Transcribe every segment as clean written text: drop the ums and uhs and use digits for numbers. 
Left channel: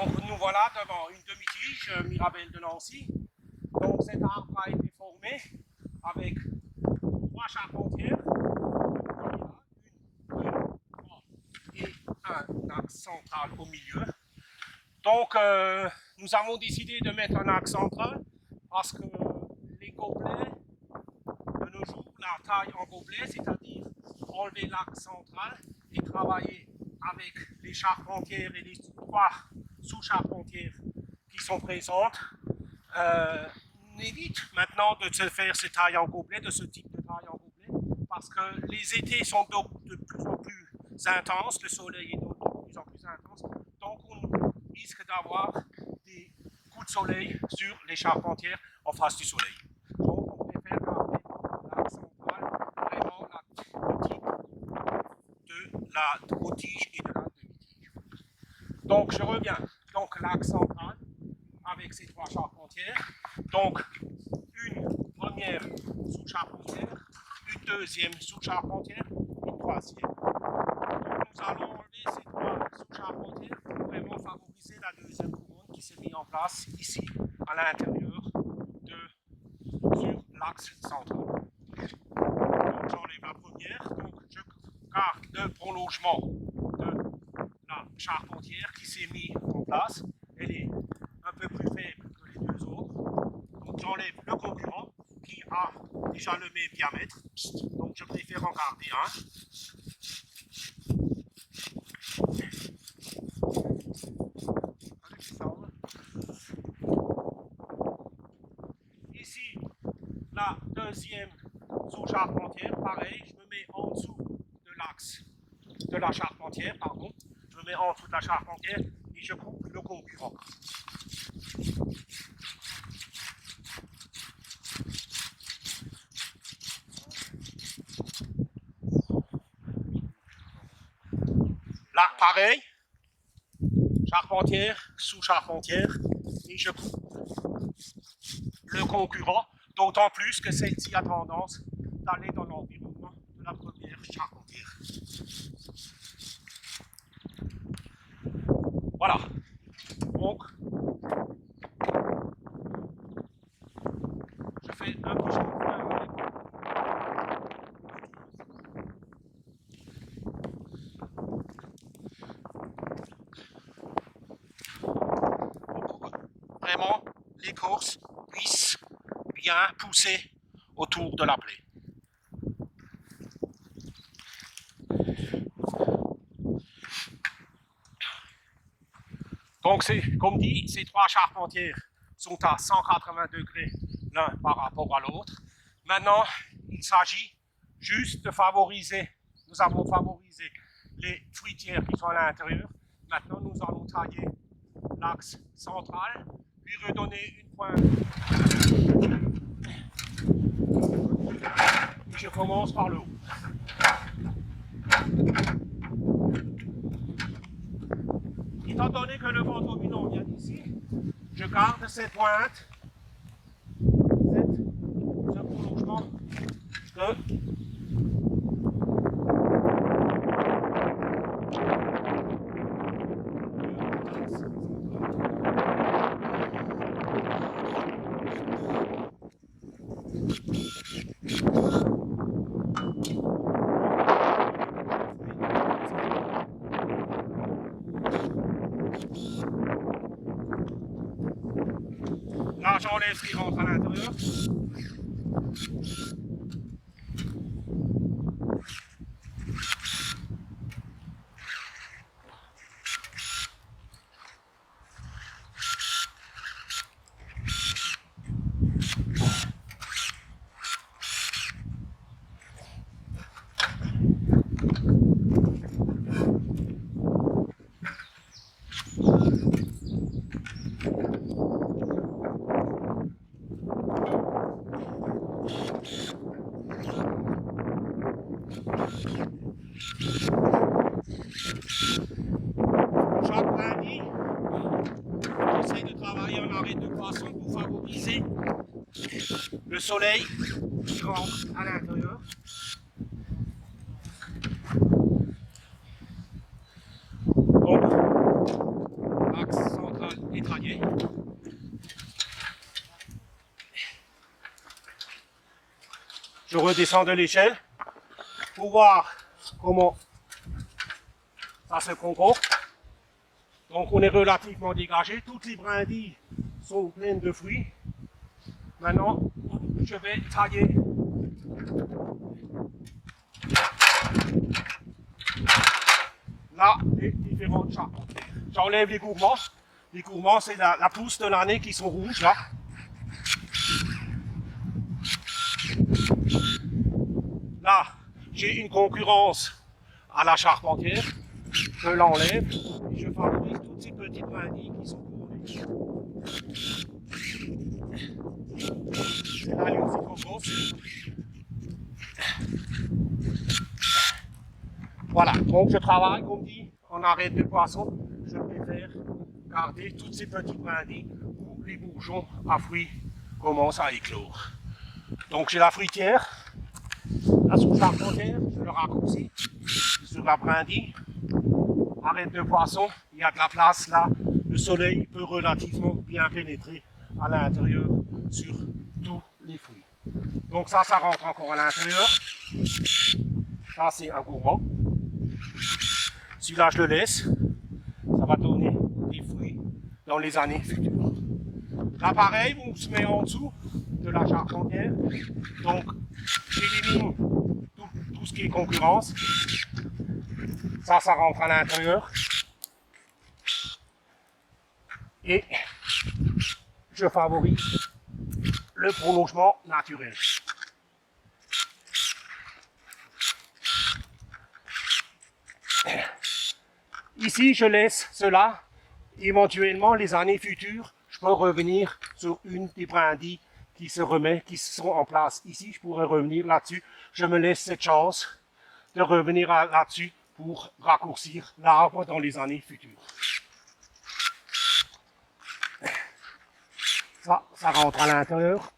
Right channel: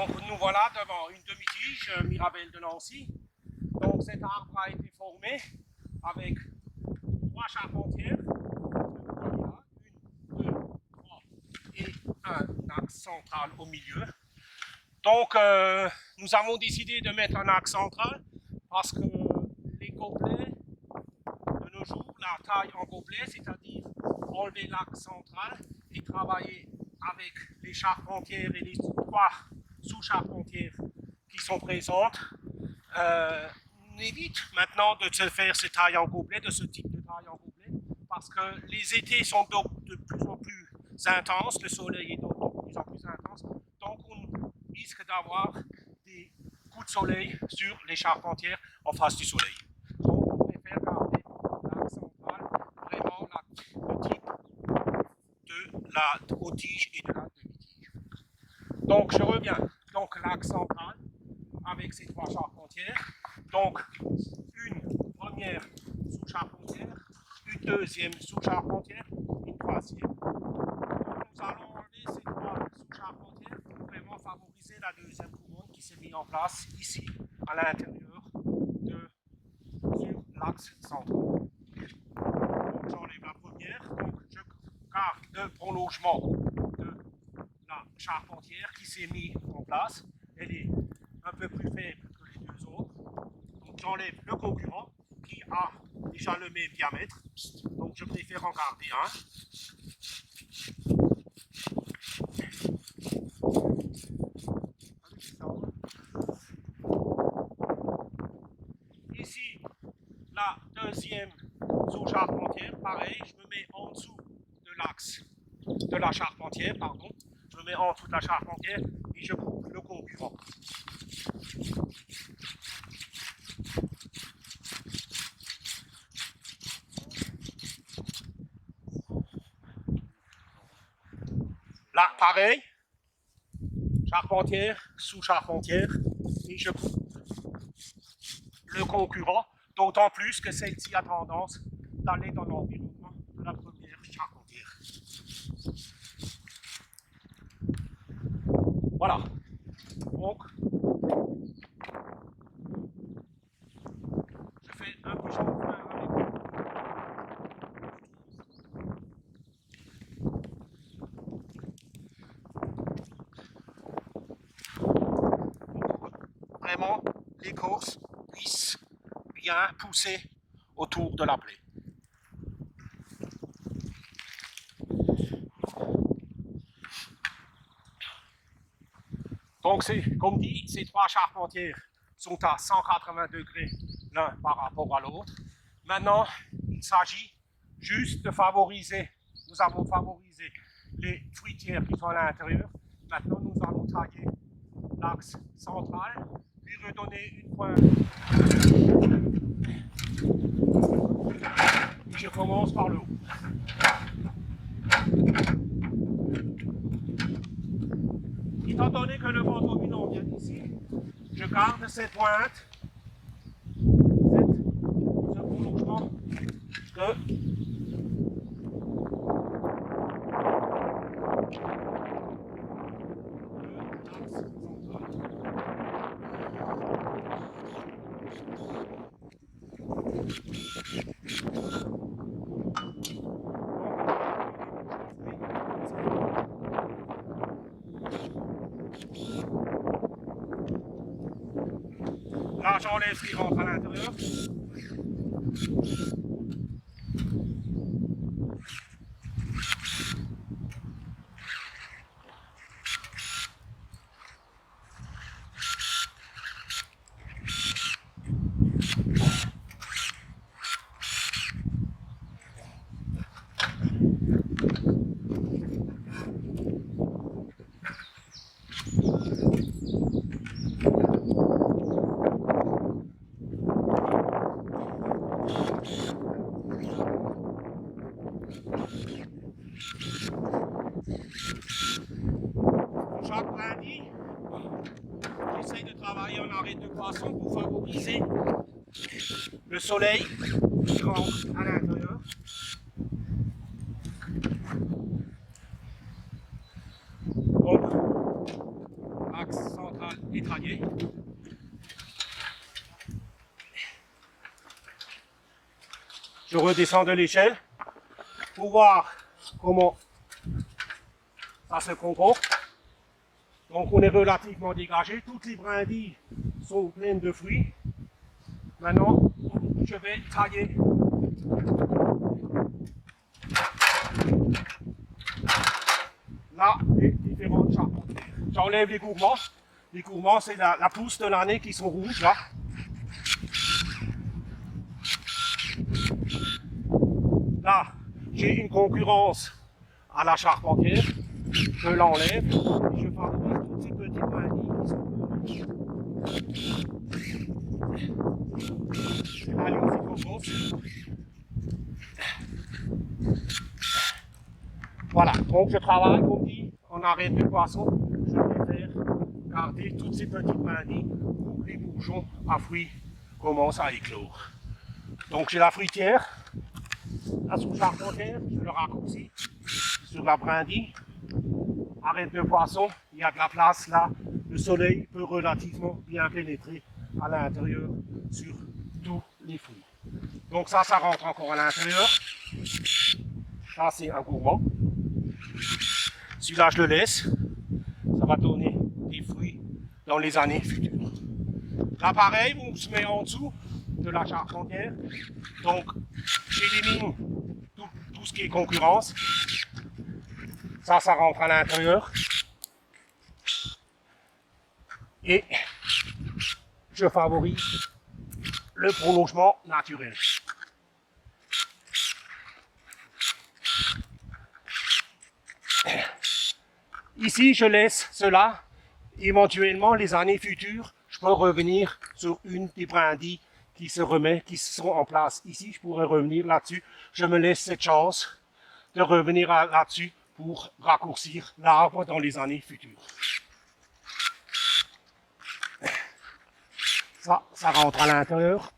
Donc nous voilà devant une demi-tige Mirabelle de Nancy. Donc cet arbre a été formé avec 3 charpentières. Vous voyez là, 1, 2, 3 et un axe central au milieu. Donc nous avons décidé de mettre un axe central parce que les gobelets de nos jours, la taille en gobelet, c'est-à-dire enlever l'axe central et travailler avec les charpentières et les 3 sous-charpentières qui sont présentes, on évite maintenant de se faire ces tailles en gobelet, de ce type de taille en gobelet, parce que les étés sont de plus en plus intenses, le soleil est de plus en plus intense, donc on risque d'avoir des coups de soleil sur les charpentières en face du soleil. Donc on préfère garder l'axe central, vraiment le type de la haute tige et de la demi-tige. Donc je reviens, donc l'axe central avec ces 3 charpentières, donc une première sous-charpentière, une deuxième sous-charpentière, une troisième. Donc nous allons enlever ces 3 sous-charpentières pour vraiment favoriser la deuxième couronne qui s'est mise en place ici à l'intérieur sur l'axe central. Donc j'enlève la première, donc je garde le prolongement de la charpentière qui s'est mise en place. Elle est un peu plus faible que les 2 autres. Donc j'enlève le concurrent qui a déjà le même diamètre. Donc je préfère en garder un. Ici, la deuxième sous-charpentière, pareil, je me mets en dessous de l'axe de la charpentière, pardon. Je me mets en dessous de la charpentière et je coupe le concurrent. Là, pareil, charpentière, sous-charpentière, et je coupe le concurrent, d'autant plus que celle-ci a tendance d'aller dans l'environnement de la première charpentière. Voilà. Donc, je fais un petit chanfrein avec pour que vraiment l'écorce puisse bien pousser autour de la plaie. Donc, comme dit, ces 3 charpentières sont à 180 degrés l'un par rapport à l'autre. Maintenant, il s'agit juste de favoriser, nous avons favorisé les fruitières qui sont à l'intérieur. Maintenant, nous allons tailler l'axe central, lui redonner une pointe. Et je commence par le haut. Étant donné que le vent dominant vient d'ici, je garde cette pointe, ce prolongement de l'axe central. Là, j'enlève ce qui rentre à l'intérieur. Chaque lundi, j'essaye de travailler en arrêt de poisson pour favoriser le soleil qui rentre à l'intérieur. Donc, l'axe central. pied. Je redescends de l'échelle pour voir comment ça se comporte. Donc on est relativement dégagé. Toutes les brindilles sont pleines de fruits. Maintenant, je vais tailler là les différentes charpentières. J'enlève les gourmands. Les gourmands, c'est la pousse de l'année qui sont rouges là. Là, j'ai une concurrence à la charpentière. Je l'enlève et je favorise toutes ces petites brindilles qui sont couronnées. C'est là, elle est aussi trop grosse. Voilà, donc je travaille, comme dit, en arête de poisson. Je préfère garder toutes ces petites brindilles où les bourgeons à fruits commencent à éclore. Donc j'ai la fruitière, la sous-charpentière, je le raccourcis sur la brindille. Arête de poisson, il y a de la place là, le soleil peut relativement bien pénétrer à l'intérieur sur tous les fruits. Donc ça rentre encore à l'intérieur. Ça c'est un gourmand. Celui-là je le laisse, ça va donner des fruits dans les années futures. Là pareil, on se met en dessous de la charpentière, donc j'élimine tout ce qui est concurrence. Ça rentre à l'intérieur. Et je favorise le prolongement naturel. Ici, je laisse cela. Éventuellement, les années futures, je peux revenir sur une des brindilles qui sont en place. Ici, je pourrais revenir là-dessus. Je me laisse cette chance de revenir là-dessus pour raccourcir l'arbre dans les années futures. Ça rentre à l'intérieur.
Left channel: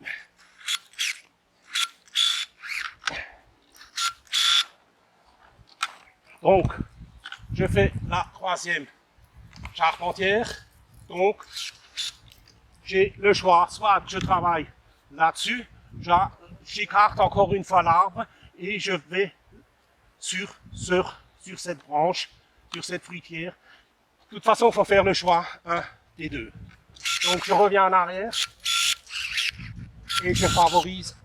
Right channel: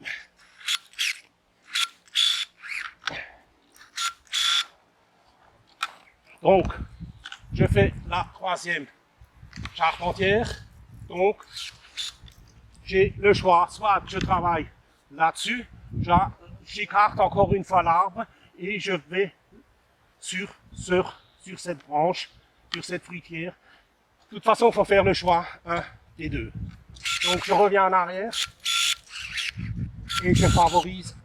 Donc, je fais la troisième charpentière. Donc, j'ai le choix, soit je travaille là-dessus, j'écarte encore une fois l'arbre et je vais sur cette branche, sur cette fruitière. De toute façon, il faut faire le choix, un des deux. Donc, je reviens en arrière et je favorise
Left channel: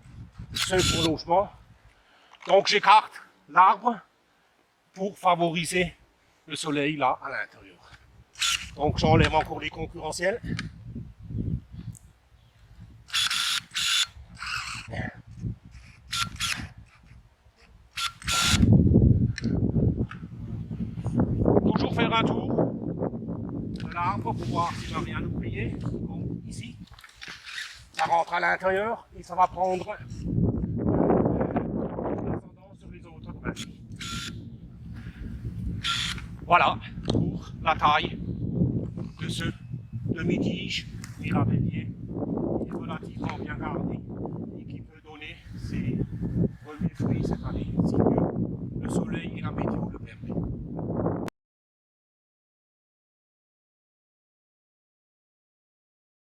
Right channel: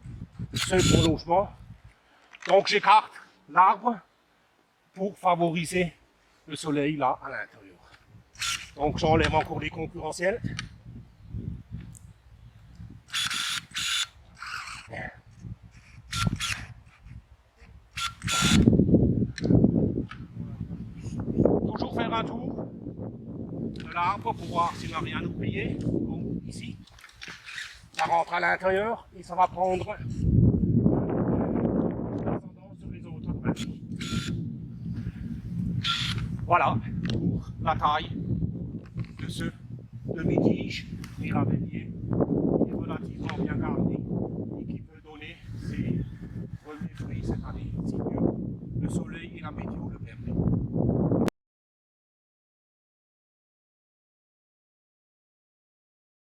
ce prolongement. Donc, j'écarte l'arbre pour favoriser le soleil là à l'intérieur. Donc, j'enlève encore les concurrentiels. Toujours faire un tour de l'arbre pour voir s'il n'a rien oublié, comme ici. Ça rentre à l'intérieur et ça va prendre l'ascendant sur les autres brindilles. Voilà pour la taille de ce demi-tige mirabellier qui est relativement bien gardé et qui peut donner ses premiers fruits cette année, si mieux le soleil et la météo le permettent.